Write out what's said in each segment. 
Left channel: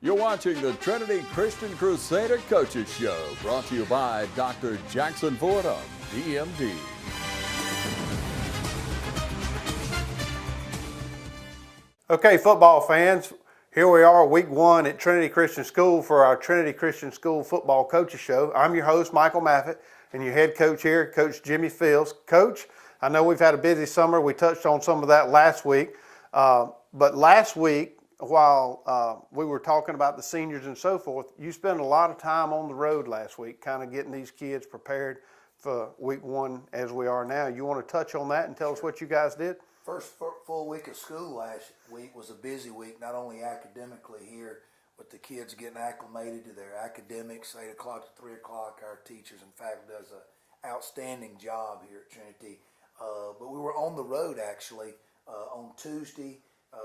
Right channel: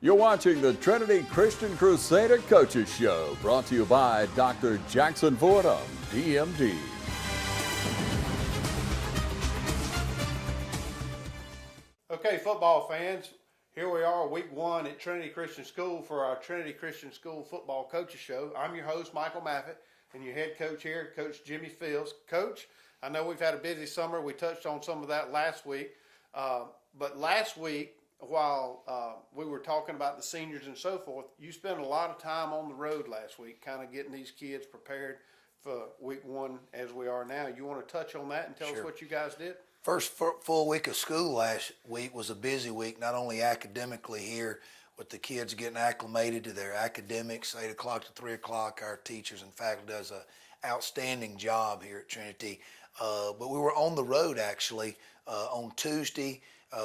You're watching the Trinity Christian Crusader Coaches Show, brought to you by Dr. Jackson Fordham, DMD. Okay, football fans, here we are week one at Trinity Christian School for our Trinity Christian School Football Coaches Show. I'm your host, Michael Maffett, and your head coach here, Coach Jimmy Fields. Coach, I know we've had a busy summer. We touched on some of that last week. But last week, while we were talking about the seniors and so forth, you spent a lot of time on the road last week, kind of getting these kids prepared for week one as we are now. You want to touch on that and tell us what you guys did? First full week of school last week was a busy week, not only academically here with the kids getting acclimated to their academics, 8 o'clock to 3 o'clock. Our teachers and faculty does an outstanding job here at Trinity. But we were on the road actually. On Tuesday,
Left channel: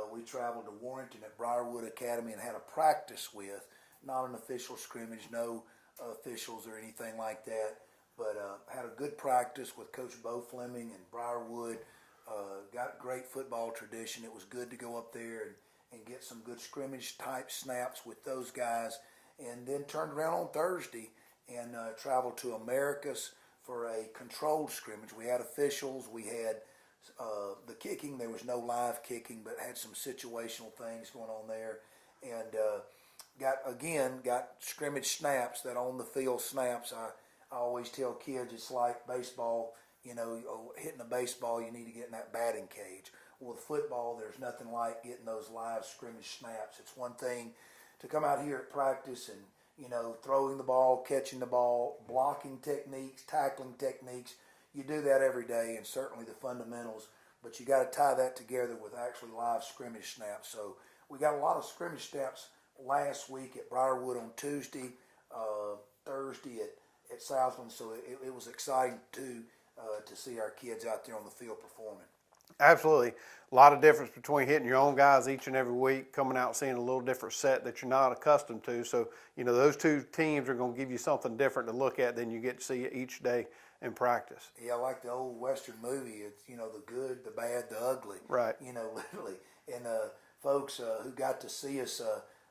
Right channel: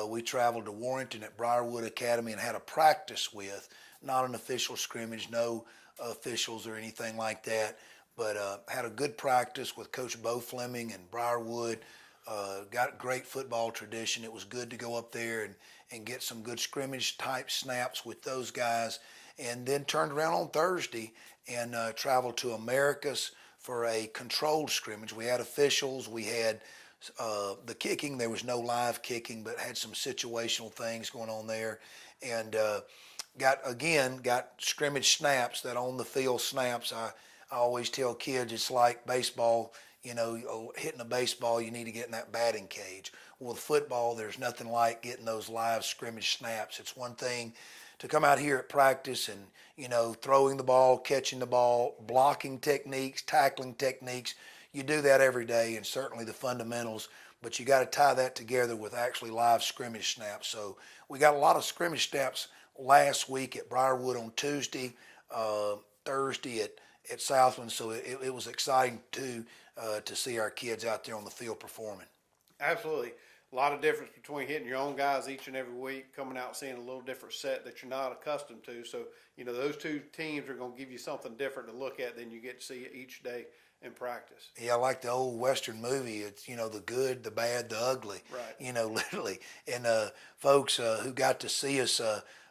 we traveled to Warrenton at Briarwood Academy and had a practice with, not an official scrimmage, no officials or anything like that, but had a good practice with Coach Bo Fleming and Briarwood. Got great football tradition. It was good to go up there and get some good scrimmage type snaps with those guys, and then turned around on Thursday and traveled to Americus for a controlled scrimmage. We had officials, we had the kicking. There was no live kicking, but had some situational things going on there, and got scrimmage snaps, that on the field snaps. I always tell kids it's like baseball. You know, hitting a baseball, you need to get in that batting cage. Well, with football, there's nothing like getting those live scrimmage snaps. It's one thing to come out here at practice and, you know, throwing the ball, catching the ball, blocking techniques, tackling techniques. You do that every day, and certainly the fundamentals, but you got to tie that together with actually live scrimmage snaps. So we got a lot of scrimmage snaps last week at Briarwood on Tuesday, Thursday at Southland. So it was exciting too. To see our kids out there on the field performing. Absolutely. A lot of difference between hitting your own guys each and every week, coming out and seeing a little different set that you're not accustomed to. So, you know, those two teams are going to give you something different to look at than you get to see each day in practice. Yeah, like the old Western movie. It's, you know, the good, the bad, the ugly. Right. You know, literally. And folks who got to see us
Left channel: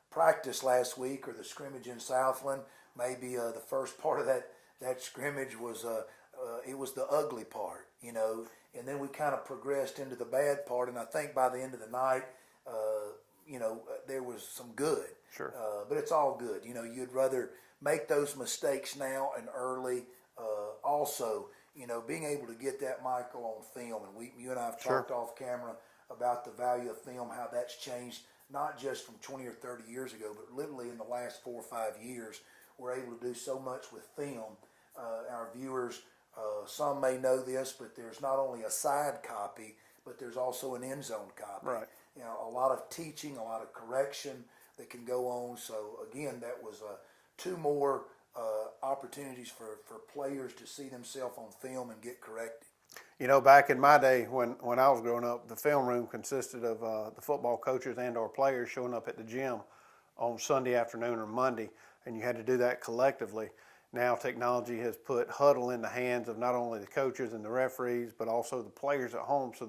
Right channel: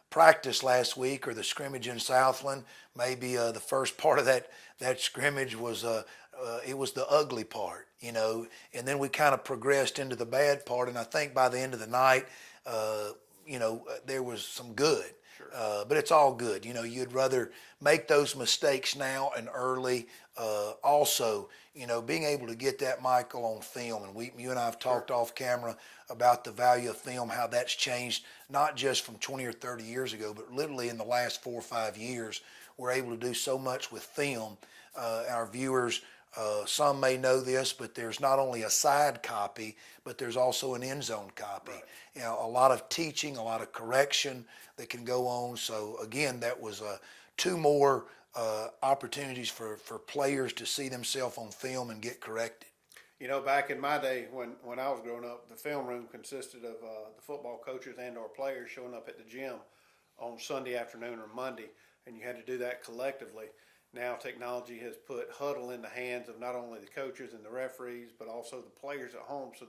practice last week, or the scrimmage in Southland, maybe the first part of that scrimmage was it was the ugly part, you know, and then we kind of progressed into the bad part. And I think by the end of the night, you know, there was some good. Sure. But it's all good. You know, you'd rather make those mistakes now and early. Also, you know, being able to get that, Michael, on film. And you and I have talked off camera about the value of film, how that's changed, not just from 20 or 30 years ago, but literally in the last 4 or 5 years. We're able to do so much with film. Our viewers, some may know this, but there's not only a side copy, but there's also an end zone copy. Right. You know, a lot of teaching, a lot of correction that can go on. So again, that was 2 more opportunities for players to see themselves on film and get corrected. You know, back in my day when I was growing up, the film room consisted of the football coaches and our players showing up at the gym on Sunday afternoon or Monday, and you had to do that collectively. Now technology has put huddle in the hands of not only the coaches and the referees, but also the players at home. So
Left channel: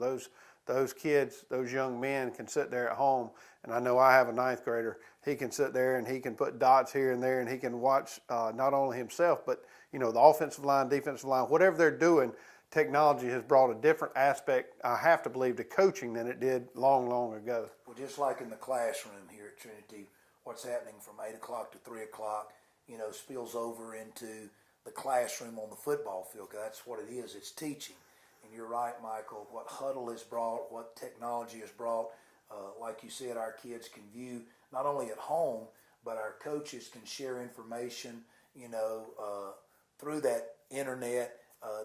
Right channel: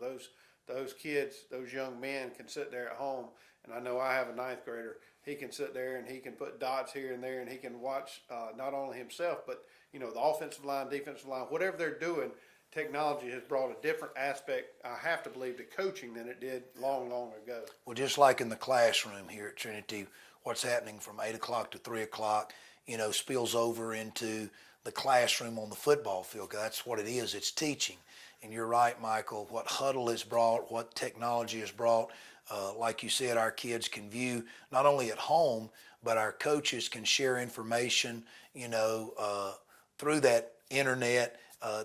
those kids, those young men can sit there at home. And I know I have a 9th grader. He can sit there and he can put dots here and there, and he can watch not only himself, but, you know, the offensive line, defensive line, whatever they're doing. Technology has brought a different aspect, I have to believe, to coaching than it did long, long ago. Well, just like in the classroom here at Trinity, what's happening from 8 o'clock to 3 o'clock, you know, spills over into the classroom on the football field. That's what it is. It's teaching. And you're right, Michael, what huddle has brought, what technology has brought. Like you said, our kids can view not only at home, but our coaches can share information, you know, through that internet.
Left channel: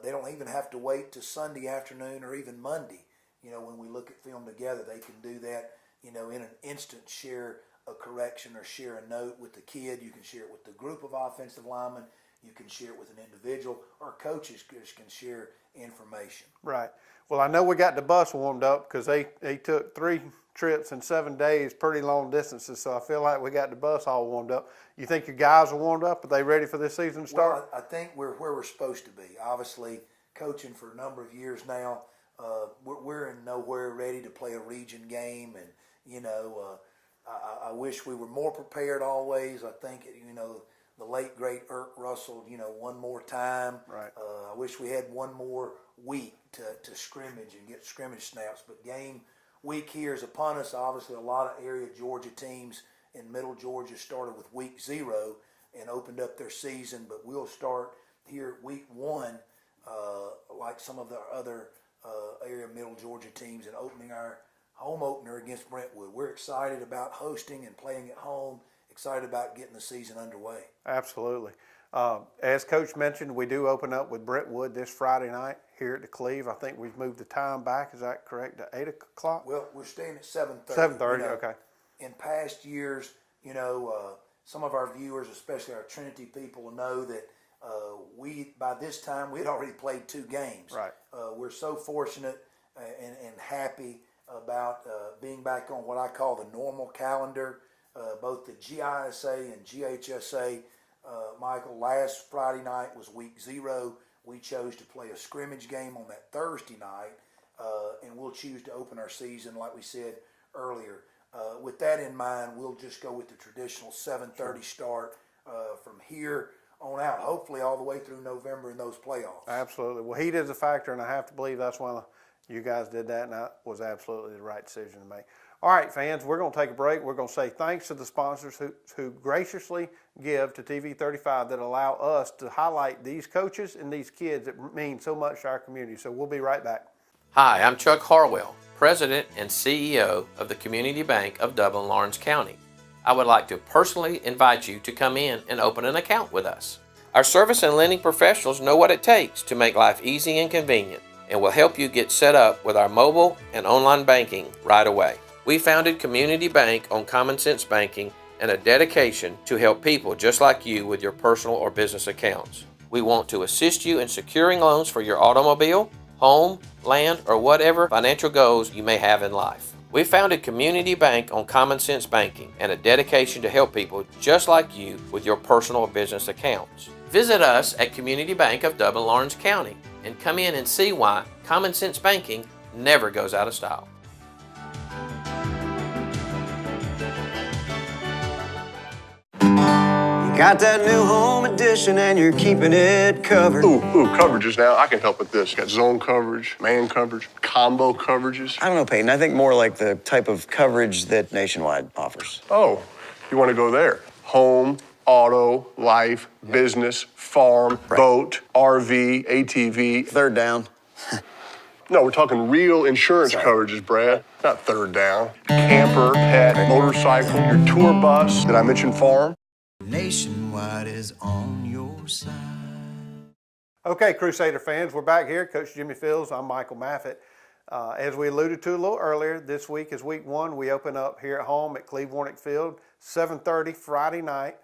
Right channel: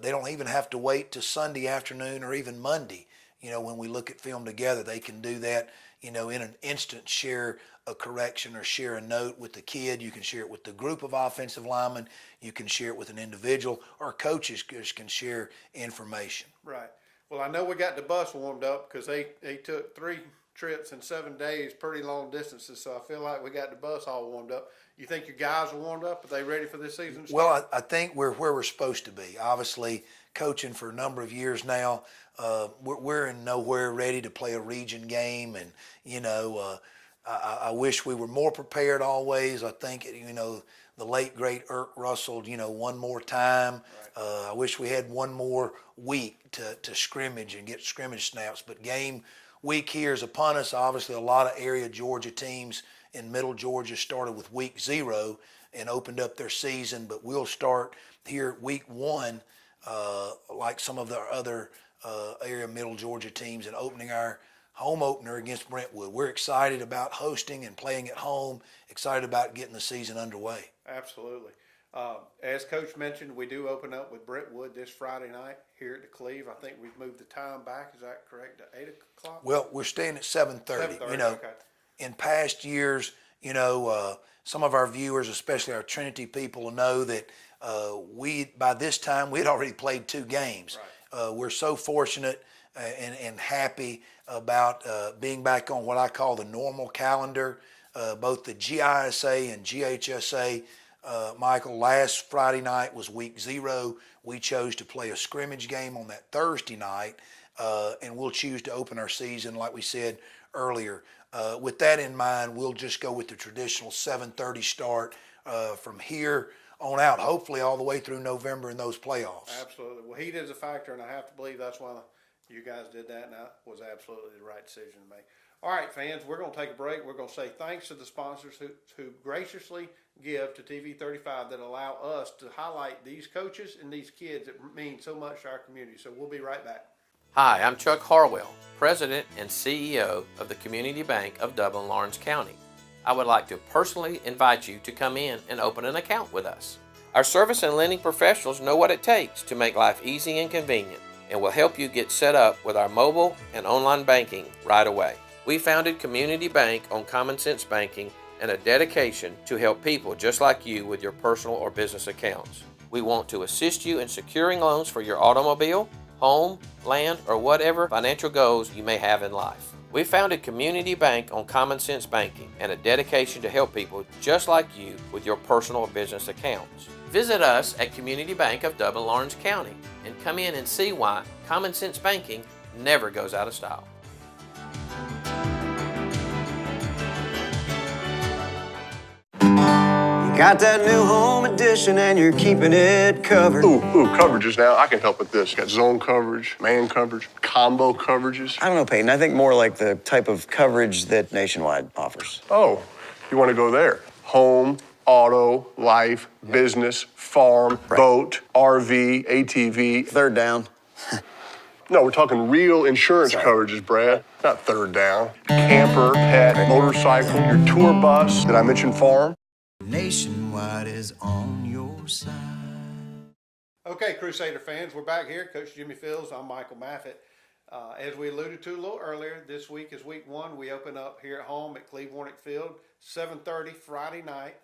They don't even have to wait to Sunday afternoon or even Monday. You know, when we look at film together, they can do that, you know, in an instant, share a correction or share a note with the kid. You can share it with the group of offensive linemen. You can share it with an individual, or coaches can share information. Right. Well, I know we got the bus warmed up because they took 3 trips in 7 days, pretty long distances. So I feel like we got the bus all warmed up. You think your guys are warmed up? Are they ready for this season start? Well, I think we're where we're supposed to be. Obviously, coaching for a number of years now, we're in nowhere ready to play a region game, and you know, I wish we were more prepared always. I think, the late, great Irk Russell, one more time. Right. I wish we had one more week to scrimmage and get scrimmage snaps. But game week here is upon us. Obviously, a lot of area Georgia teams in Middle Georgia started with week 0 and opened up their season. But we'll start here week 1, like some of the other area Middle Georgia teams, and opening our home opener against Brentwood. We're excited about hosting and playing at home, excited about getting the season underway. Absolutely. As Coach mentioned, we do open up with Brentwood this Friday night here at the Cleve. I think we've moved the time back. Is that correct? To 8 o'clock? Well, we're staying at 7:30. 7:30, okay. In past years, some of our viewers, especially our Trinity people, will know that by this time we'd already played 2 games. Right. We're so fortunate and happy about being back on what I call the normal calendar. Both the GISA and GHSA, Michael, last Friday night was week 0. We chose to play a scrimmage game on that Thursday night, and we'll choose to open our season, like we said earlier. With that in mind, we'll just go with the traditional 7:30 start from here on out, hopefully all the way through November in those playoffs. Absolutely. Well, heat is a factor, and I have to believe that's why you guys did that, and that was absolutely the right decision to make. All right, fans, we're going to take a break. We're going to say thanks to the sponsors who graciously give to TV 35 that allow us to highlight these coaches and these kids that mean so much to our community. So we'll be right back. Hi, I'm Chuck Harwell, President and CEO of the Community Bank of Dublin-Lawrence County. I would like to personally invite you to come in and open an account with us. Our service and lending professionals know what it takes to make life easy and convenient, and will help you get set up with our mobile and online banking right away. We founded Community Bank on common sense banking and a dedication to help people just like you with your personal or business accounts. We want to assist you in securing loans for your automobile, home, land, or whatever financial goals you may have in life. We founded Community Bank on common sense banking and a dedication to help people just like you with your personal or business accounts. Visit us at Community Bank of Dublin-Lawrence County and come in and see why common sense banking never goes out of style. Got that new home edition and you're keeping it covered. Ooh, coverages now. I can help with this. Got zone coverage, man coverage, combo coverages. I don't know, Peyton. I think more like the type of coverage that Nationwide offers. Oh, you want to go there? Home, auto, life, business, farm, boat, RV, ATV. Third down. No, we're talking real insurance coverages, Brad. Not third down. Camper, pet, motorcycle, your tour bus. Did I mention farm? Nationwide is on your side. Okay, Crusader fans, we're back here. Coach Jimmy Fields, I'm Michael Maffett. As we alluded to a little earlier, this week is week 1. We open up here at home at Cleve Warnick Field, 7:30 Friday night.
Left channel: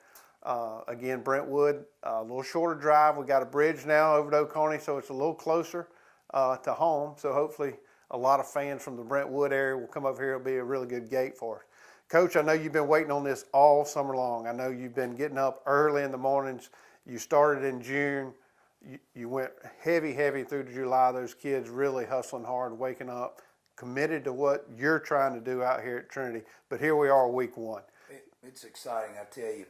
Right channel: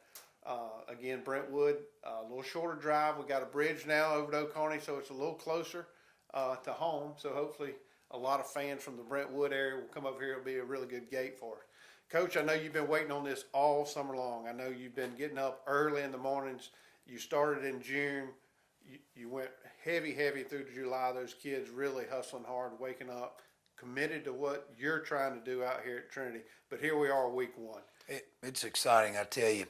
Again, Brentwood, a little shorter drive. We got a bridge now over to Oconee, so it's a little closer to home. So hopefully a lot of fans from the Brentwood area will come over here. It'll be a really good gate for us. Coach, I know you've been waiting on this all summer long. I know you've been getting up early in the mornings. You started in June. You went heavy through to July. Those kids really hustling hard, waking up, committed to what you're trying to do out here at Trinity. But here we are, week 1. It's exciting, I tell you.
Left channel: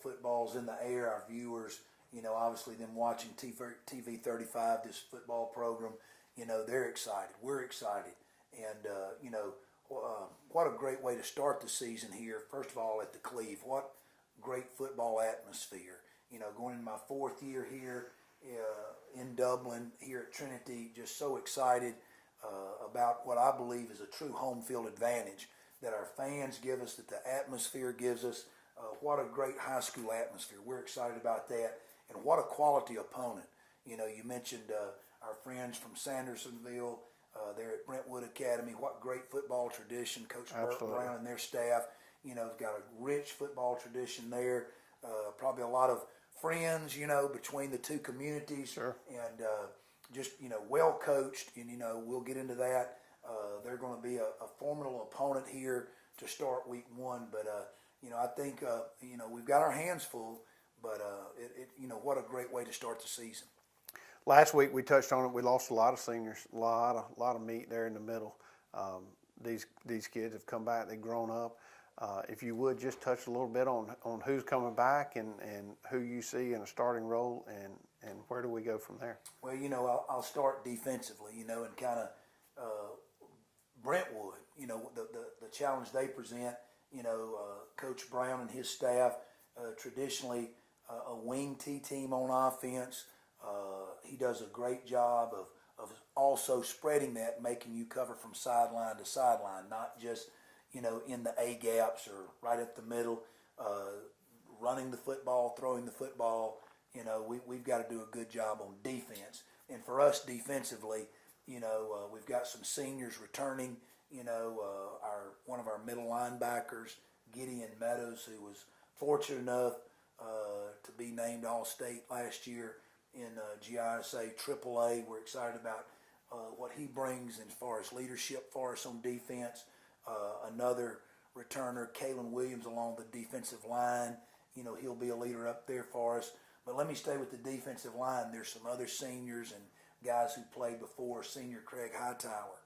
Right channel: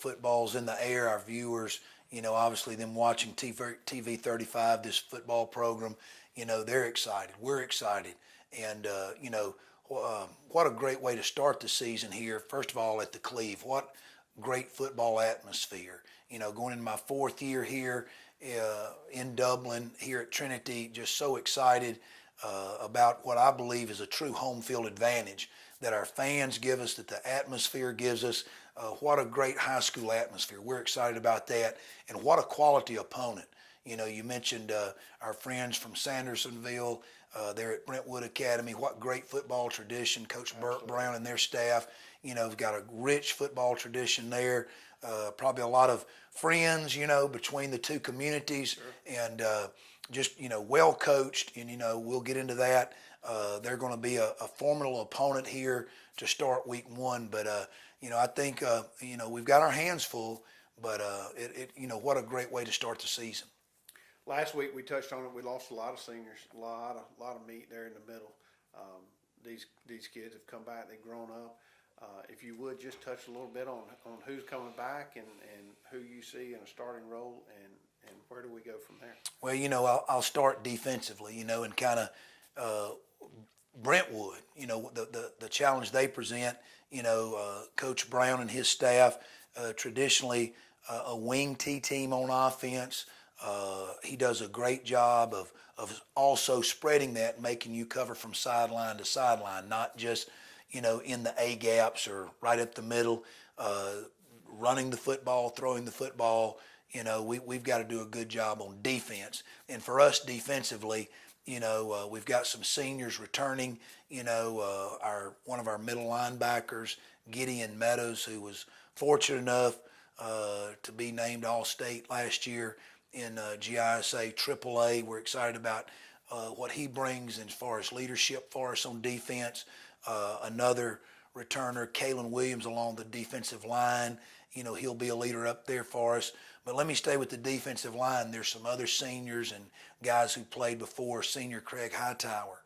Football's in the air. Our viewers, obviously them watching TV 35, this football program, they're excited. We're excited. And, what a great way to start the season here. First of all, at the Cleve, what great football atmosphere. Going into my 4th year here in Dublin, here at Trinity, just so excited about what I believe is a true home field advantage that our fans give us, that the atmosphere gives us. What a great high school atmosphere. We're excited about that. And what a quality opponent. You mentioned our friends from Sandersonville. They're at Brentwood Academy. What great football tradition. Coach Burt Brown and their staff, have got a rich football tradition there. Probably a lot of friends, between the two communities. Sure. And just, well coached. And, we'll get into that. They're going to be a formidable opponent here to start week 1. But, I think, we've got our hands full. But, what a great way to start the season. Last week we touched on it. We lost a lot of seniors, a lot of meat there in the middle. These kids have come back. They've grown up. If you would just touch a little bit on who's coming back and who you see in a starting role, and where do we go from there? Well, I'll start defensively, and kind of Brentwood, the challenge they present, Coach Brown and his staff, traditionally a wing T team on offense. He does a great job of also spreading that, making you cover from sideline to sideline, not just, in the A gaps or right up the middle, running the football, throwing the football. We've got to do a good job on defense. And for us defensively, we've got some seniors returning. One of our middle linebackers, Gideon Meadows, who was fortunate enough to be named All-State last year in GISA AAA. We're excited about what he brings as far as leadership for us on defense. Another returner, Kalen Williams, along the defensive line. He'll be a leader up there for us. But let me stay with the defensive line. There's some other seniors and guys who played before. Senior Craig Hightower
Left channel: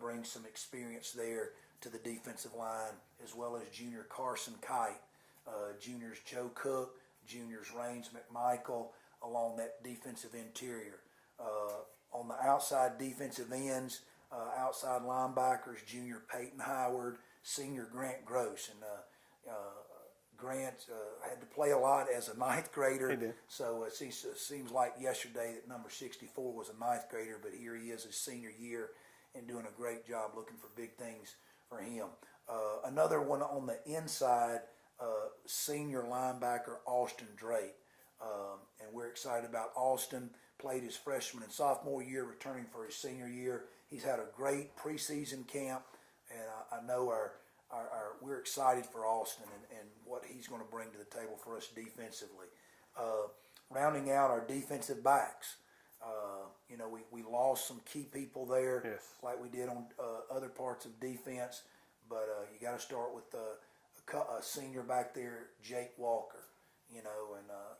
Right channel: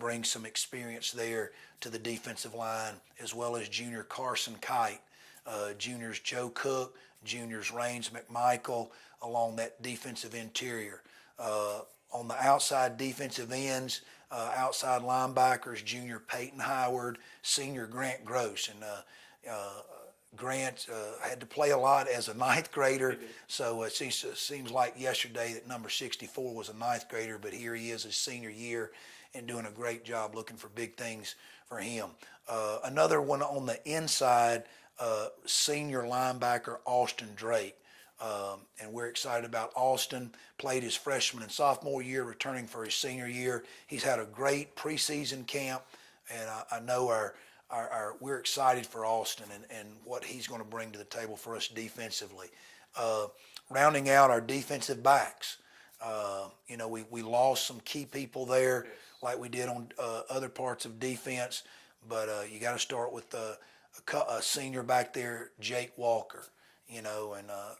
brings some experience there to the defensive line, as well as junior Carson Kite, juniors Joe Cook, juniors Raines McMichael along that defensive interior. On the outside defensive ends, outside linebackers, junior Peyton Howard, senior Grant Gross. And Grant had to play a lot as a ninth grader, so it seems like yesterday that number 64 was a ninth grader, but here he is his senior year and doing a great job, looking for big things for him. Another one on the inside, senior linebacker Austin Drake. And we're excited about Austin. Played his freshman and sophomore year, returning for his senior year. He's had a great preseason camp, and I know we're excited for Austin and what he's going to bring to the table for us defensively. Rounding out our defensive backs, we lost some key people there, yes, like we did on other parts of defense, but you got to start with a senior back there, Jake Walker. And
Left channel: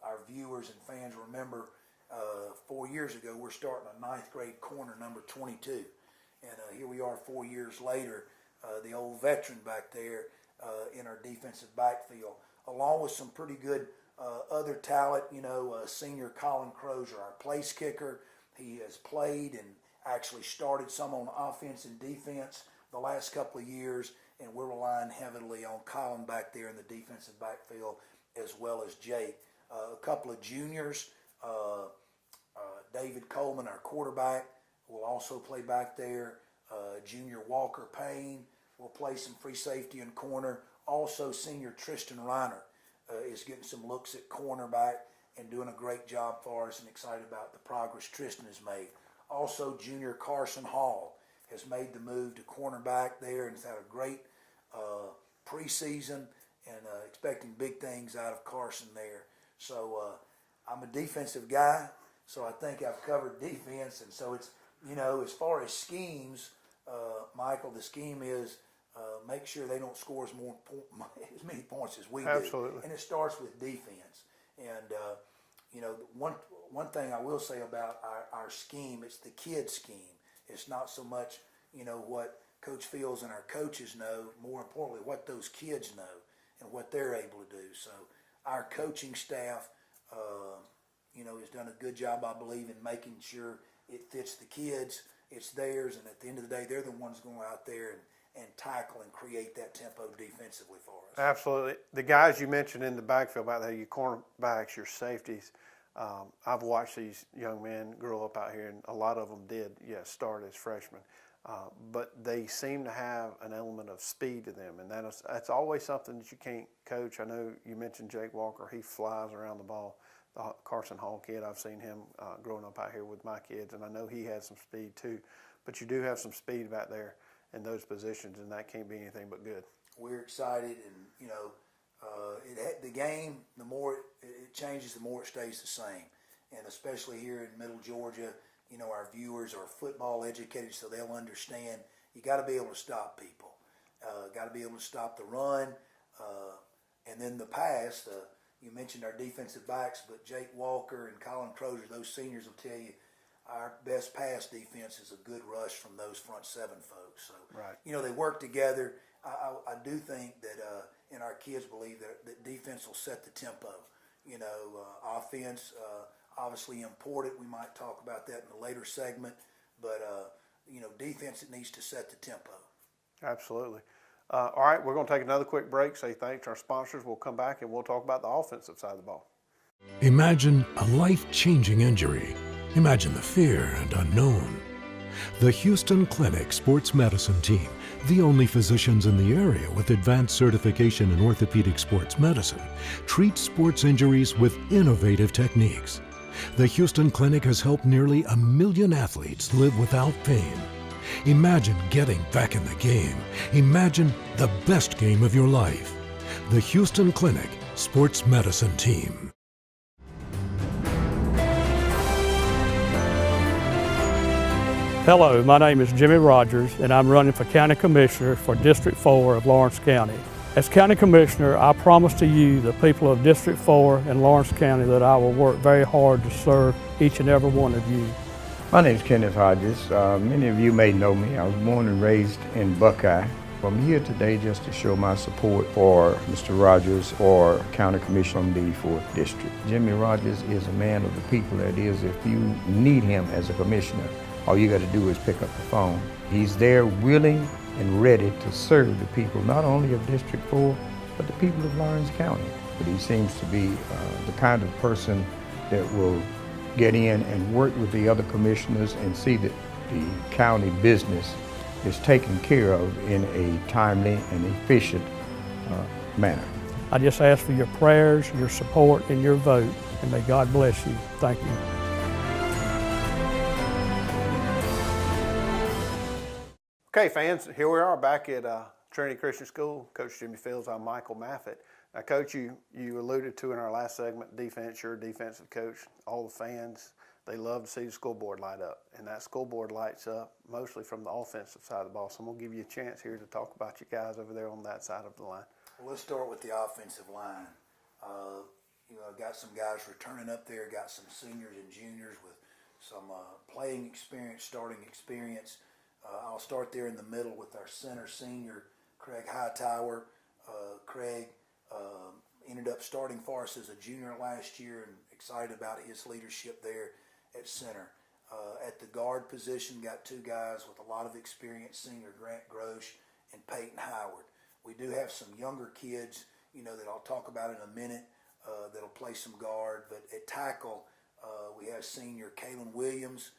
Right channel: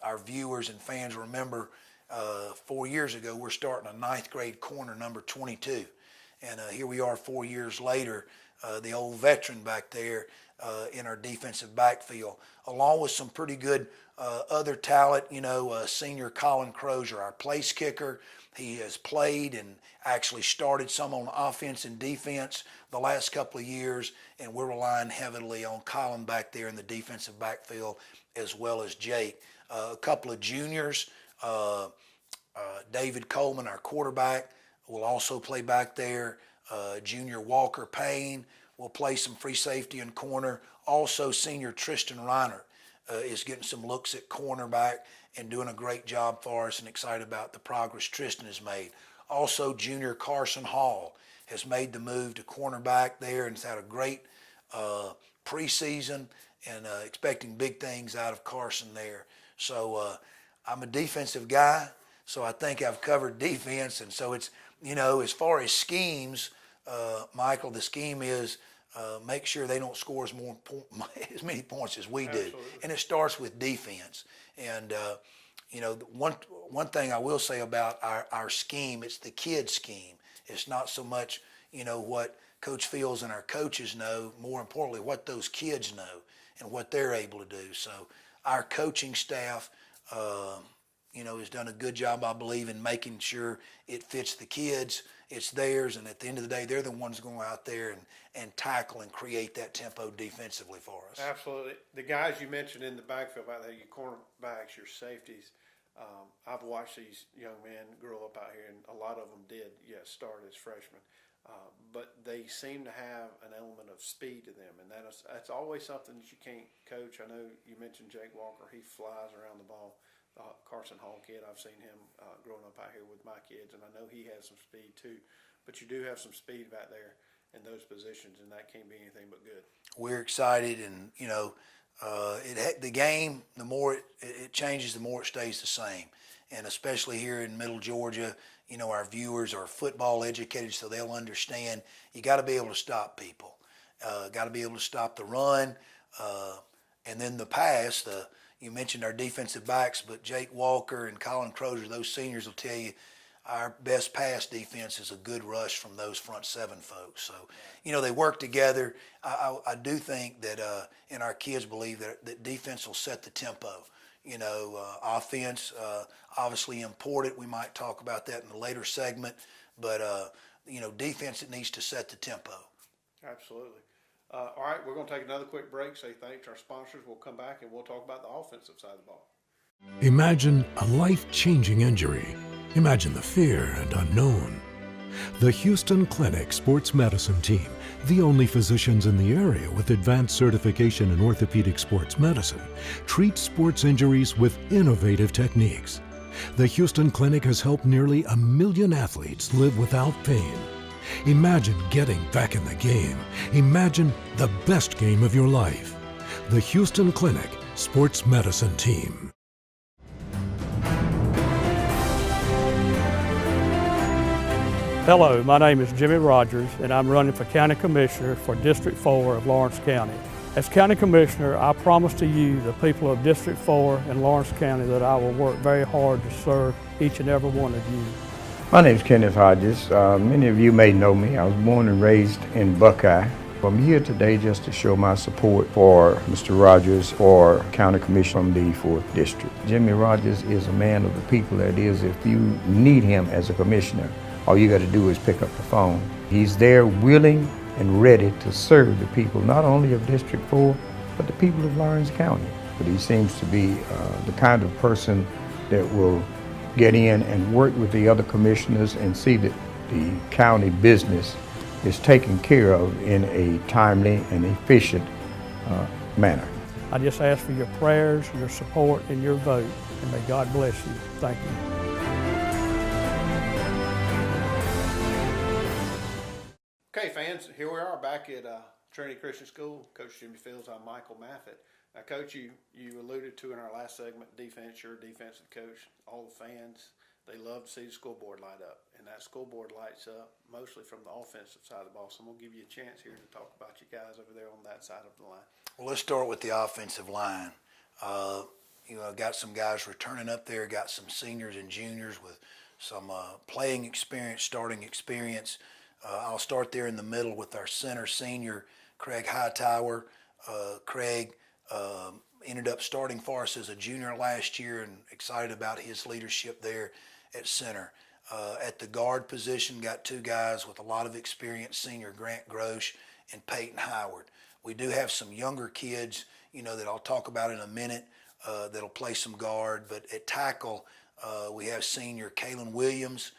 our viewers and fans remember 4 years ago we're starting a ninth grade corner, number 22, and here we are 4 years later, the old veteran back there in our defensive backfield, along with some pretty good other talent. Senior Colin Crozier, our place kicker. He has played and actually started some on offense and defense the last couple of years, and we're relying heavily on Colin back there in the defensive backfield, as well as Jake. A couple of juniors, David Coleman, our quarterback, will also play back there. Junior Walker Payne will play some free safety and corner. Also, senior Tristan Reiner is getting some looks at cornerback and doing a great job for us, and excited about the progress Tristan has made. Also, junior Carson Hall has made the move to cornerback there and has had a great preseason, and expecting big things out of Carson there. So I'm a defensive guy, so I think I've covered defense. And so it's, as far as schemes, Michael, the scheme is make sure they don't score as many points as we do. Absolutely. And it starts with defense. And, one thing I will say about our scheme, it's the kid scheme. It's not so much, what Coach Fields and our coaches know, more importantly, what those kids know and what they're able to do. So our coaching staff, has done a good job, I believe, in making sure it fits the kids, it's theirs, and at the end of the day, they're the ones going out there and tackle and create that tempo defensively for us. Absolutely. The guys you mentioned in the backfield out there, your cornerbacks, your safeties, I've watched these young men grow up out here, and a lot of them did, start as freshmen. But they seem to have an element of speed to them, and that's always something that you can't coach. I know you mentioned Jake Walker. He flies around the ball. The Carson Hall kid, I've seen him growing up out here with my kids, and I know he has some speed too. But you do have some speed back there in those positions, and that can't be anything but good. We're excited, and the game, the more it changes, the more it stays the same. And especially here in Middle Georgia, our viewers are football educated, so they'll understand you got to be able to stop people. Got to be able to stop the run, and then the pass. You mentioned our defensive backs, but Jake Walker and Colin Crozier, those seniors will tell you, our best pass defense is a good rush from those front seven folks. So, you know, they work together. I do think that, and our kids believe that defense will set the tempo. You know, offense, obviously important. We might talk about that in a later segment, but, you know, defense, it needs to set the tempo. Absolutely. All right, we're going to take another quick break, say thanks to our sponsors. We'll come back and we'll talk about the offensive side of the ball. Imagine a life-changing injury. Imagine the fear and unknown. The Houston Clinic Sports Medicine Team, the only physicians in the area with advanced certification in orthopedic sports medicine, treats sports injuries with innovative techniques. The Houston Clinic has helped nearly 1 million athletes live without pain. Imagine getting back in the game. Imagine the best game of your life. The Houston Clinic Sports Medicine Team. Hello, my name is Jimmy Rogers, and I'm running for County Commissioner for District 4 of Lawrence County. As County Commissioner, I promise to you, the people of District 4 in Lawrence County, that I will work very hard to serve each and every one of you. My name is Kenneth Hodges. Many of you may know me. I was born and raised in Buckeye. I'm here today just to show my support for Mr. Rogers for County Commissioner from the 4th District. Jimmy Rogers is a man of the people. That is, if you need him as a commissioner, all you got to do is pick up the phone. He's there willing and ready to serve the people, not only of District 4, but the people of Lawrence County. But he seems to be the kind of person that will get in and work with the other commissioners and see that the county business is taken care of in a timely and efficient manner. I just ask for your prayers, your support, and your vote, and may God bless you. Thank you. Okay, fans, here we are back at Trinity Christian School. Coach Jimmy Fields, I'm Michael Maffett. Now, Coach, you alluded to in our last segment, defense, you're a defensive coach. All the fans, they love to see the scoreboard light up, and that scoreboard lights up mostly from the offensive side of the ball. So I'm going to give you a chance here to talk about you guys over there on that side of the line. Well, let's start with the offensive line. You know, got some guys returning up there, got some seniors and juniors with some playing experience, starting experience. I'll start there in the middle with our center senior, Craig Hightower. Craig ended up starting for us as a junior last year, and excited about his leadership there at center. At the guard position, got two guys with a lot of experience, senior Grant Grosh and Peyton Howard. We do have some younger kids, you know, that I'll talk about in a minute, that'll play some guard. But at tackle, we have senior Kalen Williams,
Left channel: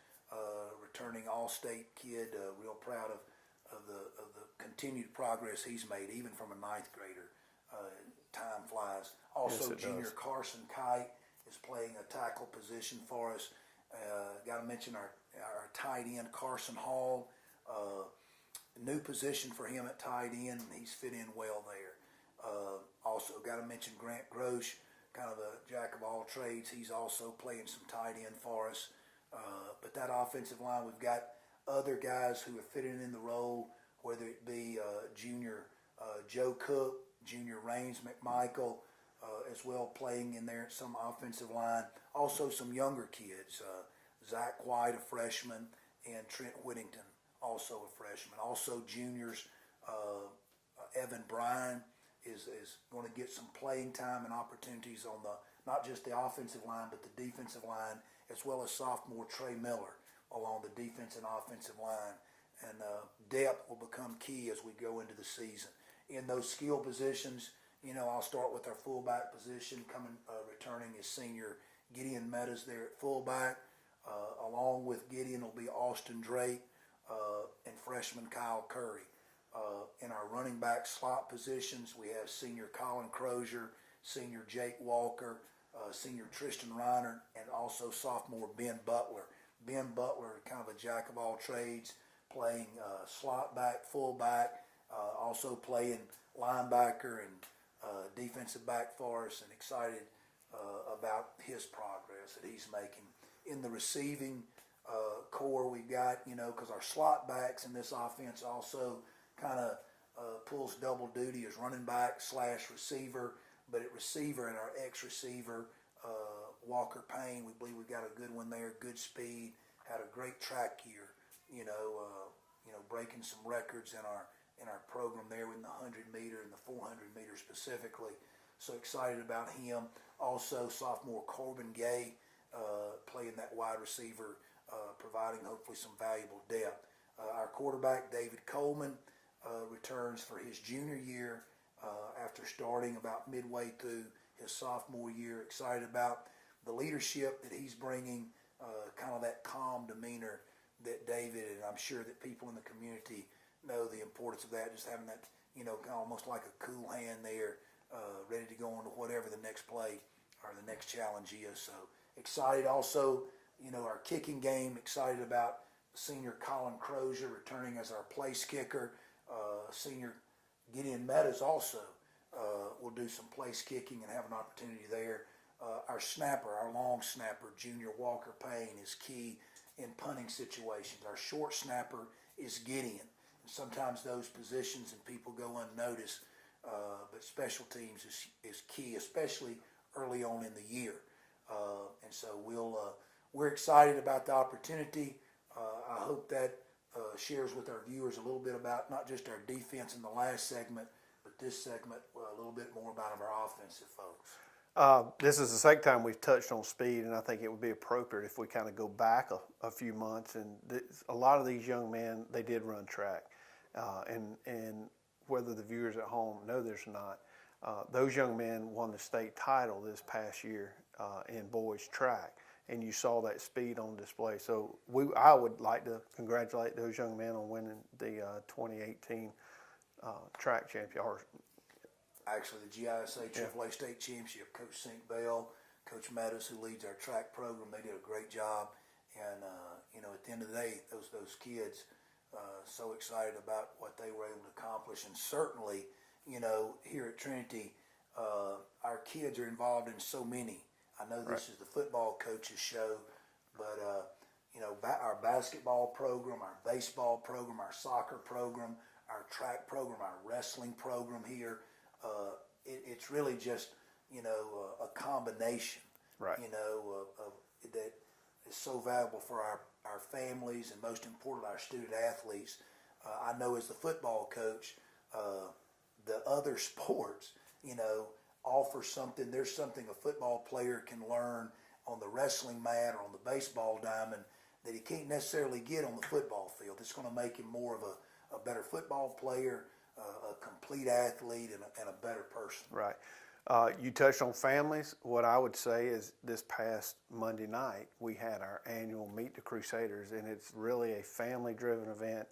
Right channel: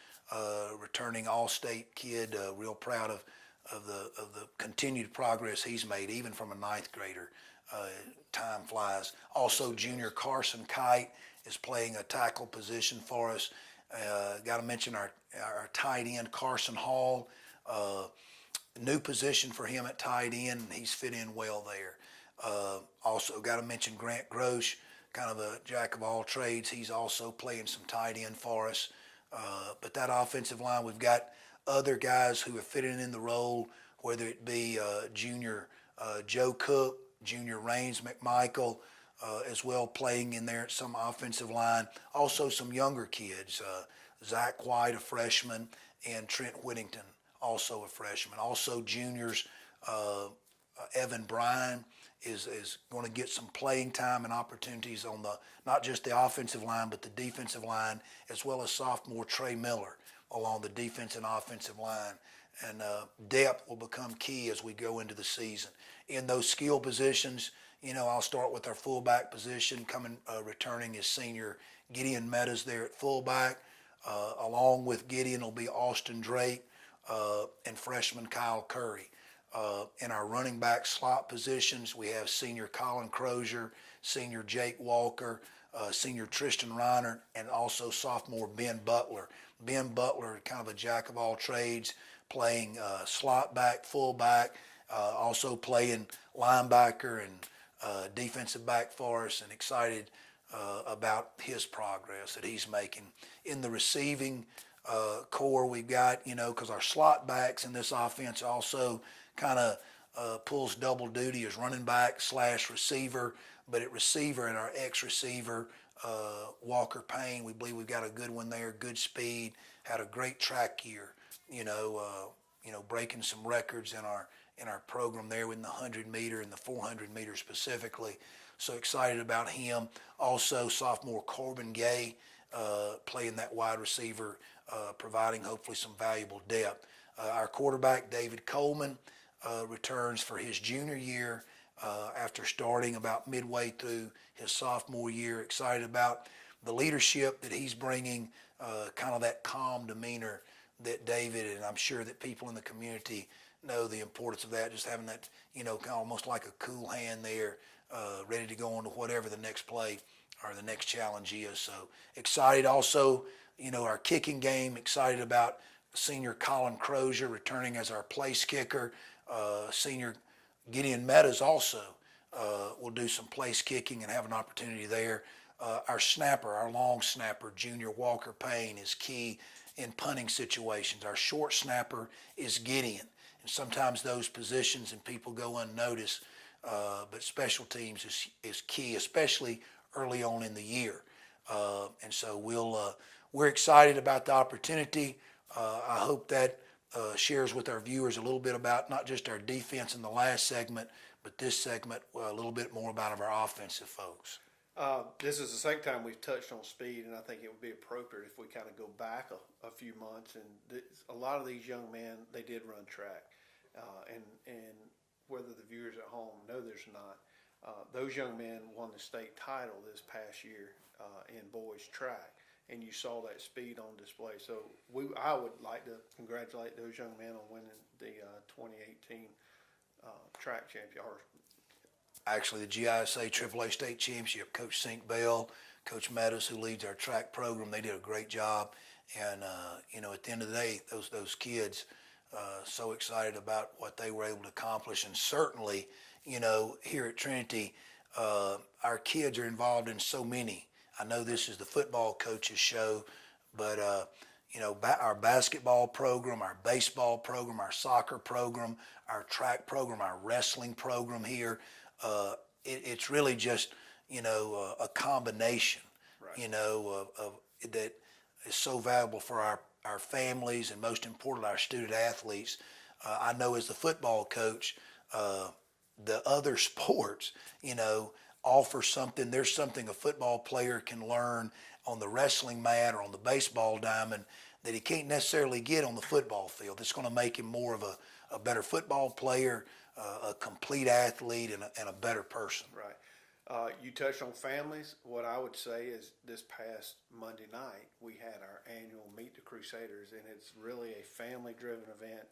returning All-State kid, real proud of the continued progress he's made, even from a ninth grader. Time flies. Also, yes, junior Carson Kite is playing a tackle position for us. Got to mention our tight end, Carson Hall. New position for him at tight end, and he's fit in well there. Also, got to mention Grant Grosh, kind of a jack of all trades. He's also playing some tight end for us. But that offensive line, we've got other guys who are fitting in the role, whether it be junior Joe Cook, junior Rains McMichael, as well playing in there at some offensive line. Also some younger kids, Zach White, a freshman, and Trent Whittington, also a freshman. Also juniors, Evan Bryan is going to get some playing time and opportunities on not just the offensive line, but the defensive line, as well as sophomore Trey Miller along the defense and offensive line. And depth will become key as we go into the season. In those skill positions, you know, I'll start with our fullback position. Returning is senior Gideon Meadows there at fullback. Along with Gideon will be Austin Drake and freshman Kyle Curry. In our running back slot positions, we have senior Colin Crozier, senior Jake Walker, senior Tristan Reiner, and also sophomore Ben Butler. Ben Butler, kind of a jack of all trades, playing slot back, fullback, also playing linebacker and defensive back for us, and excited about his progress that he's making. In the receiving core, we've got, you know, because our slot backs in this offense also kind of pulls double duty as running back / receiver, but at receiver and our ex-receiver, Walker Payne, we believe we've got a good one there, good speed, had a great track year, breaking some records in our program there in the 100-meter and the 400-meter specifically. So excited about him. Also, sophomore Corbin Gay playing that wide receiver, providing hopefully some valuable depth. Our quarterback, David Coleman, returns for his junior year after starting about midway through his sophomore year. Excited about the leadership that he's bringing, kind of that calm demeanor that David, and I'm sure that people in the community know the importance of that, just having that, kind of almost like a cool hand there, ready to go on to whatever the next play or the next challenge is. So excited also, our kicking game, excited about senior Colin Crozier returning as our place kicker. Senior Gideon Meadows also will do some place kicking and have an opportunity there. Our snapper, our long snapper, junior Walker Payne, is key in punting situations. Our short snapper is Gideon. And sometimes those positions and people go unnoticed, but special teams is key, especially early on in the year. And so we're excited about the opportunity. I hope that shares with our viewers a little bit about not just our defense in the last segment, but this segment a little bit more about our offensive folks. This is the second time we've touched on speed, and I think it would be appropriate if we kind of go back a few months. And a lot of these young men, they did run track. And whether the viewers at home know there's not, those young men won the state title this past year in boys track. And you saw that speed on display. So I would like to congratulate those young men on winning the 2018 track championship. Actually, the GISA AAA State Championship, Coach Sink Bell, Coach Meadows, who leads our track program, they did a great job. And, at the end of the day, those kids, so excited about what they were able to accomplish. And certainly, here at Trinity, our kids are involved in so many. I know this is the football coaches show, but, our basketball program, our baseball program, our soccer program, our track program, our wrestling program here, it's really just, a combination, right. of that is so valuable for our families and most important, our student athletes. I know as the football coach, the other sports, offer something. There's something a football player can learn on the wrestling mat or on the baseball diamond that he can't necessarily get on the football field. It's going to make him more of a better football player, a complete athlete, and a better person. Right. You touched on families. What I would say is this past Monday night, we had our annual Meet the Crusaders, and it's really a family-driven event.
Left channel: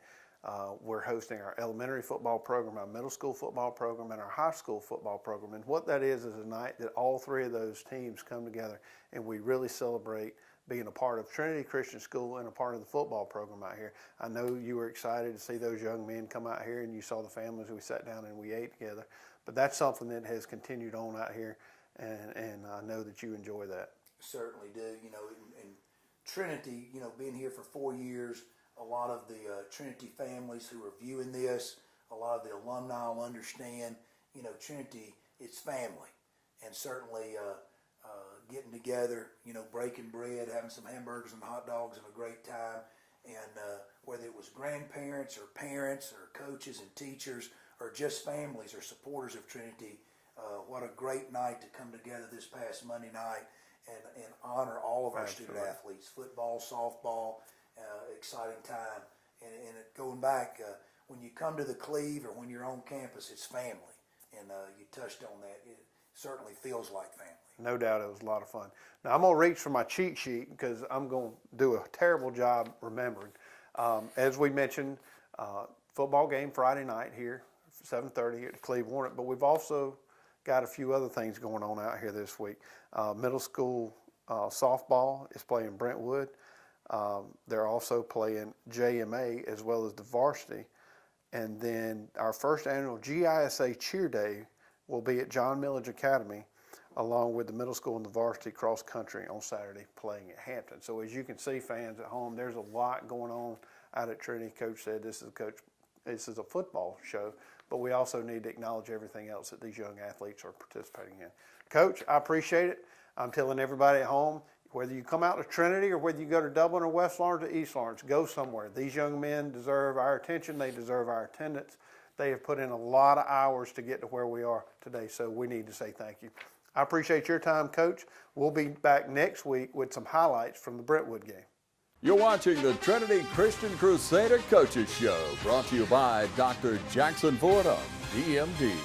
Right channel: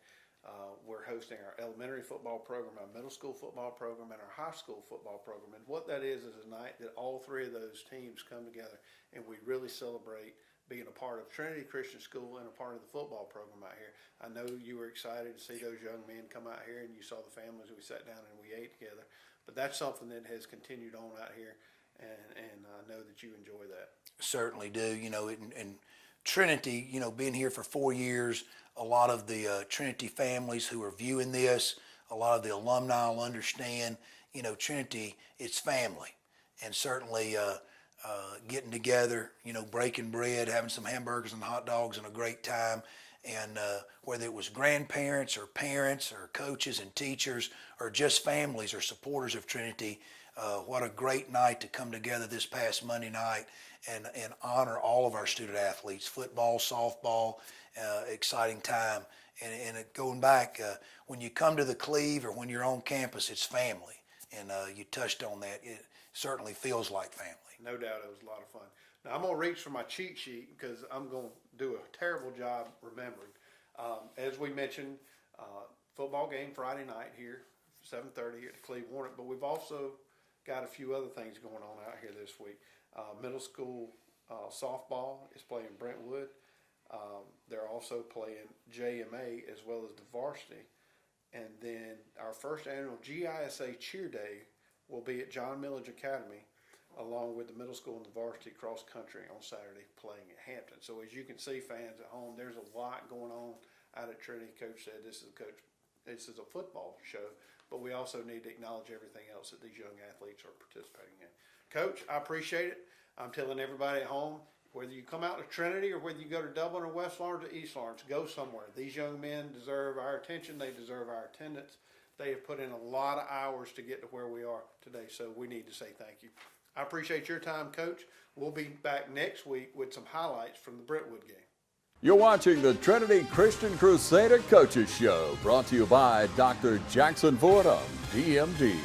We're hosting our elementary football program, our middle school football program, and our high school football program. And what that is a night that all three of those teams come together and we really celebrate being a part of Trinity Christian School and a part of the football program out here. I know you were excited to see those young men come out here, and you saw the families. We sat down and we ate together. But that's something that has continued on out here, and I know that you enjoy that. Certainly do. And Trinity, being here for 4 years, a lot of the Trinity families who are viewing this, a lot of the alumni will understand, Trinity, it's family. And certainly getting together, breaking bread, having some hamburgers and hot dogs and a great time. And whether it was grandparents or parents or coaches and teachers or just families or supporters of Trinity, what a great night to come together this past Monday night and honor all of our student athletes, football, softball, exciting time. And going back, when you come to the Cleve or when you're on campus, it's family. And you touched on that. It certainly feels like family. No doubt it was a lot of fun. Now, I'm going to reach for my cheat sheet because I'm going to do a terrible job remembering. As we mentioned, football game Friday night here, 7:30 here at the Cleve Warrant, but we've also got a few other things going on out here this week. Middle school softball is playing Brentwood. They're also playing JMA as well as the varsity. And then our first annual GISA Cheer Day will be at John Millage Academy, along with the middle school and the varsity cross country on Saturday playing at Hampton. So as you can see, fans at home, there's a lot going on out at Trinity. Coach said this is a football show, but we also need to acknowledge everything else that these young athletes are participating in. Coach, I appreciate it. I'm telling everybody at home, whether you come out to Trinity or whether you go to Dublin or West Lawrence or East Lawrence, go somewhere. These young men deserve our attention. They deserve our attendance. They have put in a lot of hours to get to where we are today, so we need to say thank you. I appreciate your time, Coach. We'll be back next week with some highlights from the Brentwood game. You're watching the Trinity Christian Crusader Coaches Show, brought to you by Dr. Jackson Fordham, DMD.